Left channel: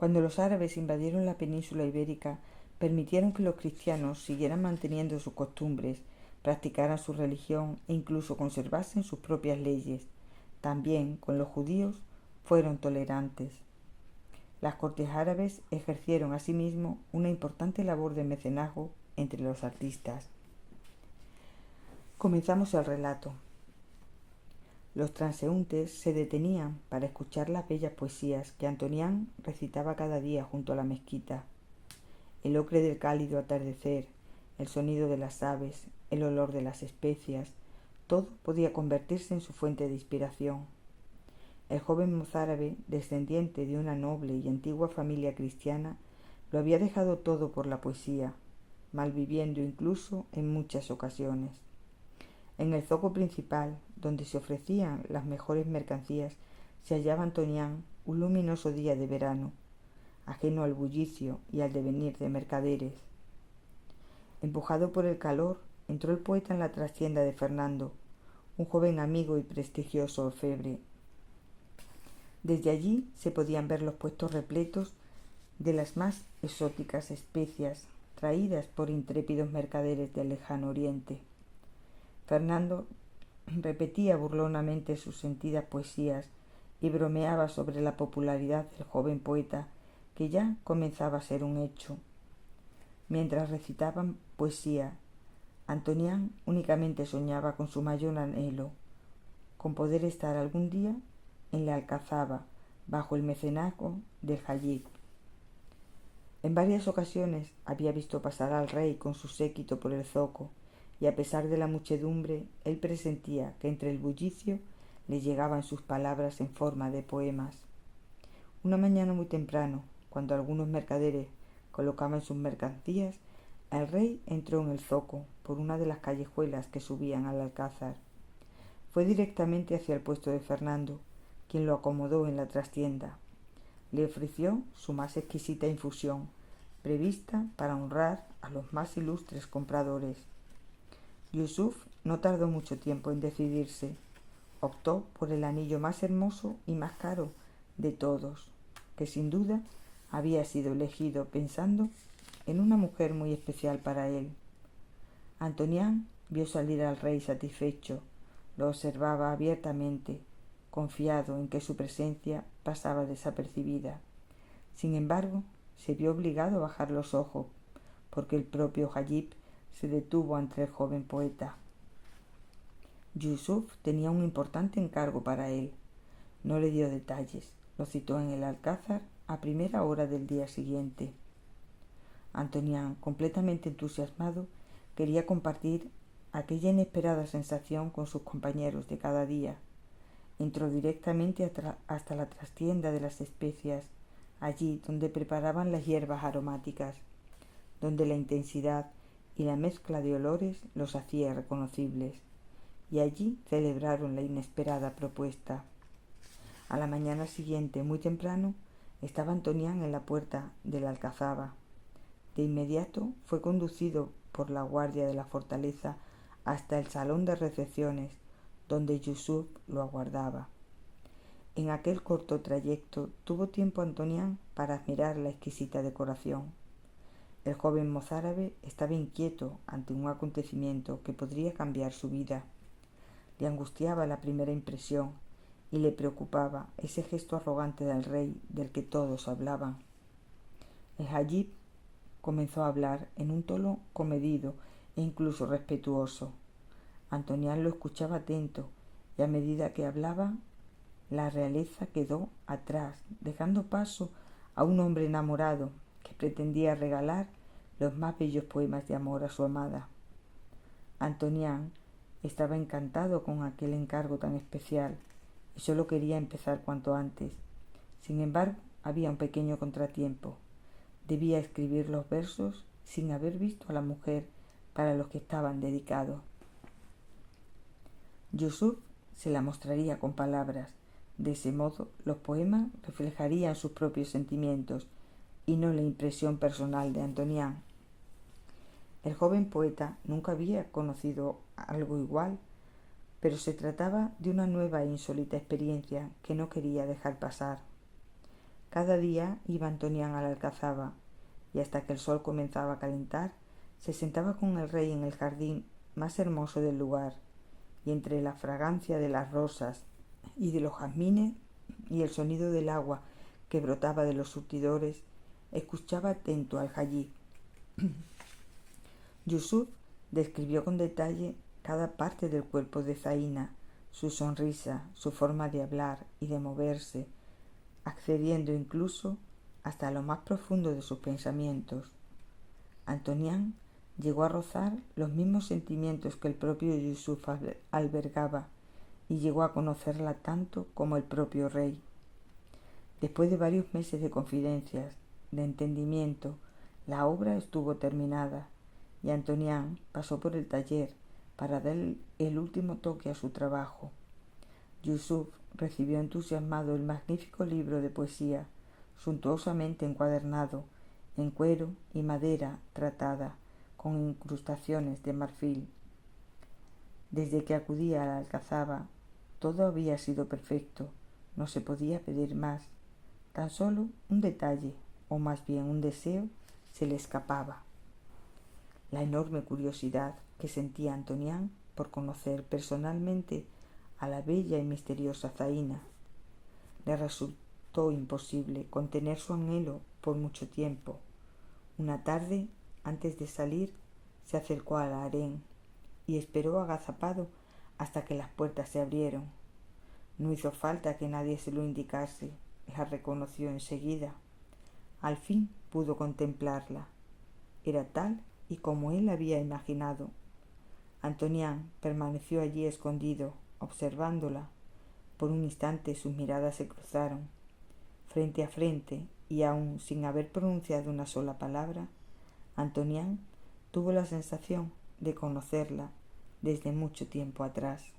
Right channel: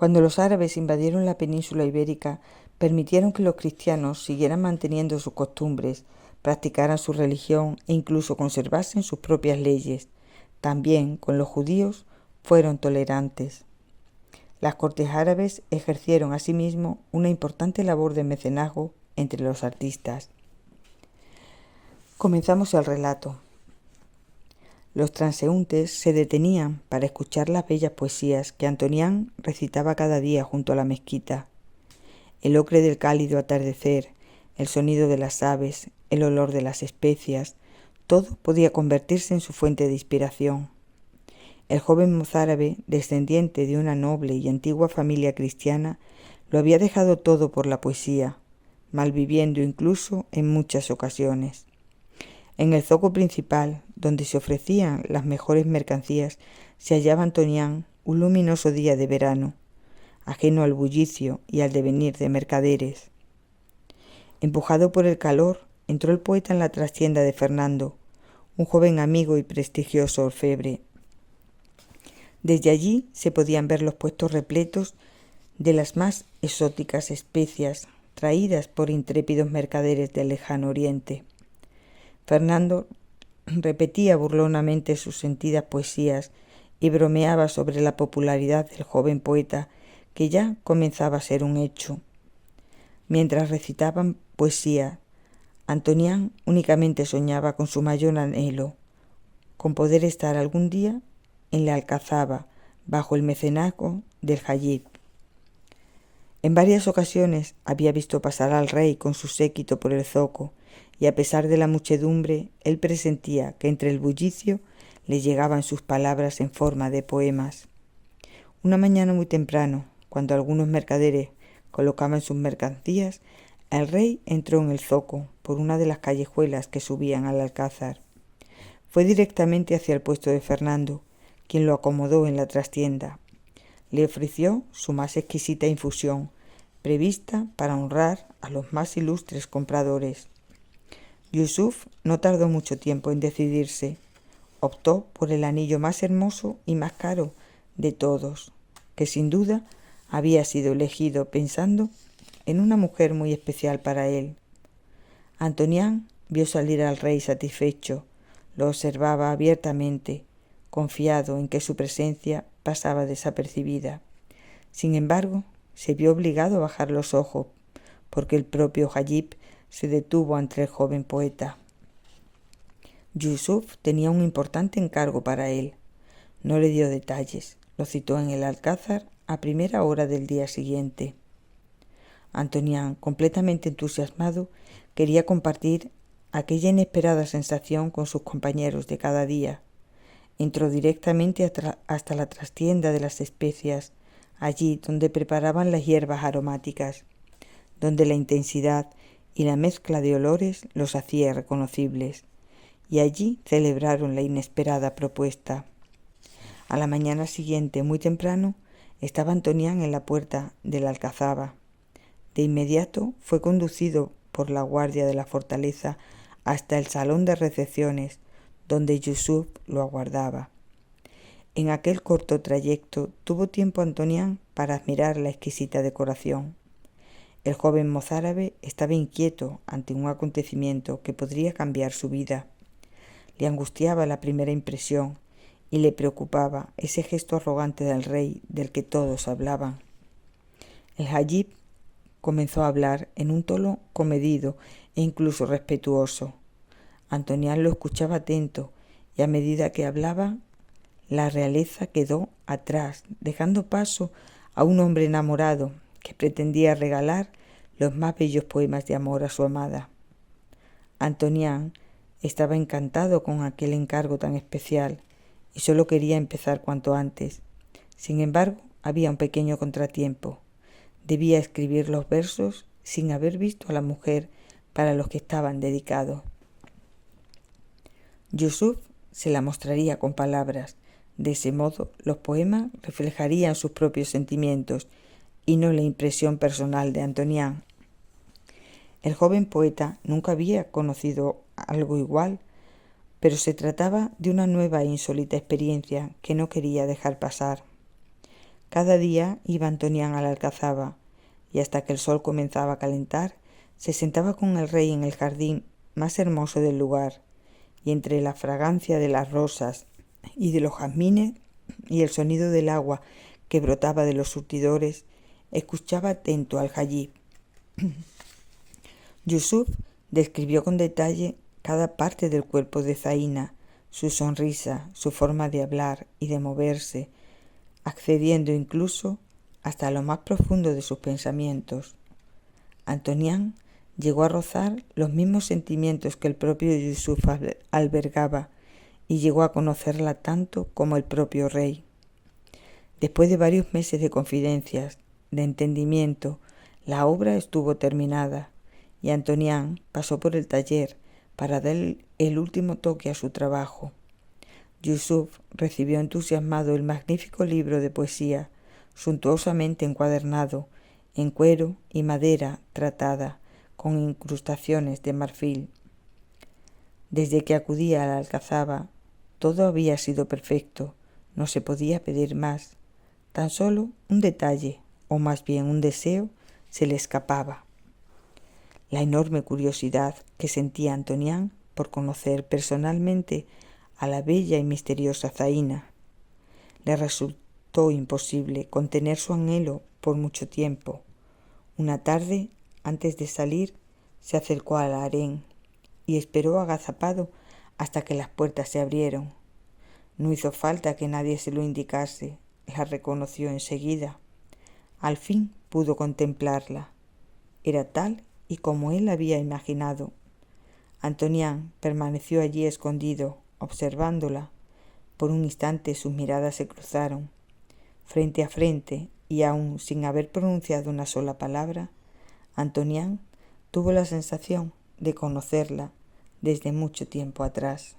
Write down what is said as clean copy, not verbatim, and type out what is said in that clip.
Cuando los árabes invadieron la península ibérica, permitieron que los cristianos siguieran manteniendo sus costumbres, practicaran su religión e incluso conservasen sus propias leyes. También con los judíos fueron tolerantes. Las cortes árabes ejercieron asimismo una importante labor de mecenazgo entre los artistas. Comenzamos el relato. Los transeúntes se detenían para escuchar las bellas poesías que Antonián recitaba cada día junto a la mezquita. El ocre del cálido atardecer, el sonido de las aves, el olor de las especias, todo podía convertirse en su fuente de inspiración. El joven mozárabe, descendiente de una noble y antigua familia cristiana, lo había dejado todo por la poesía, malviviendo incluso en muchas ocasiones. En el zoco principal, donde se ofrecían las mejores mercancías, se hallaba Antonián un luminoso día de verano, ajeno al bullicio y al devenir de mercaderes. Empujado por el calor, entró el poeta en la trastienda de Fernando, un joven amigo y prestigioso orfebre. Desde allí se podían ver los puestos repletos de las más exóticas especias traídas por intrépidos mercaderes del lejano oriente. Fernando repetía burlonamente sus sentidas poesías y bromeaba sobre la popularidad del joven poeta, que ya comenzaba a ser un hecho. Mientras recitaban poesía, Antonián únicamente soñaba con su mayor anhelo, con poder estar algún día en la Alcazaba, bajo el mecenazgo del Hajib. En varias ocasiones había visto pasar al rey con su séquito por el zoco, y a pesar de la muchedumbre, él presentía que entre el bullicio le llegaban sus palabras en forma de poemas. Una mañana muy temprano, cuando algunos mercaderes colocaban sus mercancías, el rey entró en el zoco por una de las callejuelas que subían al alcázar. Fue directamente hacia el puesto de Fernando, quien lo acomodó en la trastienda. Le ofreció su más exquisita infusión, prevista para honrar a los más ilustres compradores. Yusuf no tardó mucho tiempo en decidirse. Optó por el anillo más hermoso y más caro de todos, que sin duda había sido elegido pensando en una mujer muy especial para él. Antonián vio salir al rey satisfecho, lo observaba abiertamente, confiado en que su presencia pasaba desapercibida. Sin embargo, se vio obligado a bajar los ojos, porque el propio Hajib se detuvo ante el joven poeta. Yusuf tenía un importante encargo para él. No le dio detalles, lo citó en el alcázar a primera hora del día siguiente. Antonián, completamente entusiasmado, quería compartir aquella inesperada sensación con sus compañeros de cada día. Entró directamente hasta la trastienda de las especias, allí donde preparaban las hierbas aromáticas, donde la intensidad y la mezcla de olores los hacía reconocibles, y allí celebraron la inesperada propuesta. A la mañana siguiente, muy temprano, estaba Antonián en la puerta de la alcazaba. De inmediato fue conducido por la guardia de la fortaleza hasta el salón de recepciones, donde Yusuf lo aguardaba. En aquel corto trayecto tuvo tiempo Antonián para admirar la exquisita decoración. El joven mozárabe estaba inquieto ante un acontecimiento que podría cambiar su vida. Le angustiaba la primera impresión y le preocupaba ese gesto arrogante del rey del que todos hablaban. El Hajib comenzó a hablar en un tono comedido e incluso respetuoso. Antonián lo escuchaba atento, y a medida que hablaba, la realeza quedó atrás, dejando paso a un hombre enamorado que pretendía regalar los más bellos poemas de amor a su amada. Antonián estaba encantado con aquel encargo tan especial y solo quería empezar cuanto antes. Sin embargo, había un pequeño contratiempo. Debía escribir los versos sin haber visto a la mujer para los que estaban dedicados. Yusuf se la mostraría con palabras. De ese modo, los poemas reflejarían sus propios sentimientos y no la impresión personal de Antonián. El joven poeta nunca había conocido algo igual, pero se trataba de una nueva e insólita experiencia que no quería dejar pasar. Cada día iba Antonián a la alcazaba, y hasta que el sol comenzaba a calentar, se sentaba con el rey en el jardín más hermoso del lugar, y entre la fragancia de las rosas y de los jazmines y el sonido del agua que brotaba de los surtidores, escuchaba atento al jayib. Yusuf describió con detalle cada parte del cuerpo de Zaina, su sonrisa, su forma de hablar y de moverse, accediendo incluso hasta lo más profundo de sus pensamientos. Antonián llegó a rozar los mismos sentimientos que el propio Yusuf albergaba y llegó a conocerla tanto como el propio rey. Después de varios meses de confidencias, de entendimiento, la obra estuvo terminada y Antonián pasó por el taller para dar el último toque a su trabajo. Yusuf recibió entusiasmado el magnífico libro de poesía, suntuosamente encuadernado, en cuero y madera tratada, con incrustaciones de marfil. Desde que acudía a la alcazaba, todo había sido perfecto, no se podía pedir más. Tan solo un detalle, o más bien un deseo, se le escapaba: la enorme curiosidad que sentía Antonián por conocer personalmente a la bella y misteriosa Zaina. Le resultó imposible contener su anhelo por mucho tiempo. Una tarde, antes de salir, se acercó al harén y esperó agazapado hasta que las puertas se abrieron. No hizo falta que nadie se lo indicase, la reconoció enseguida. Al fin pudo contemplarla. Era tal y como él había imaginado. Antonián permaneció allí escondido, observándola. Por un instante sus miradas se cruzaron. Frente a frente, y aún sin haber pronunciado una sola palabra, Antonián tuvo la sensación de conocerla desde mucho tiempo atrás.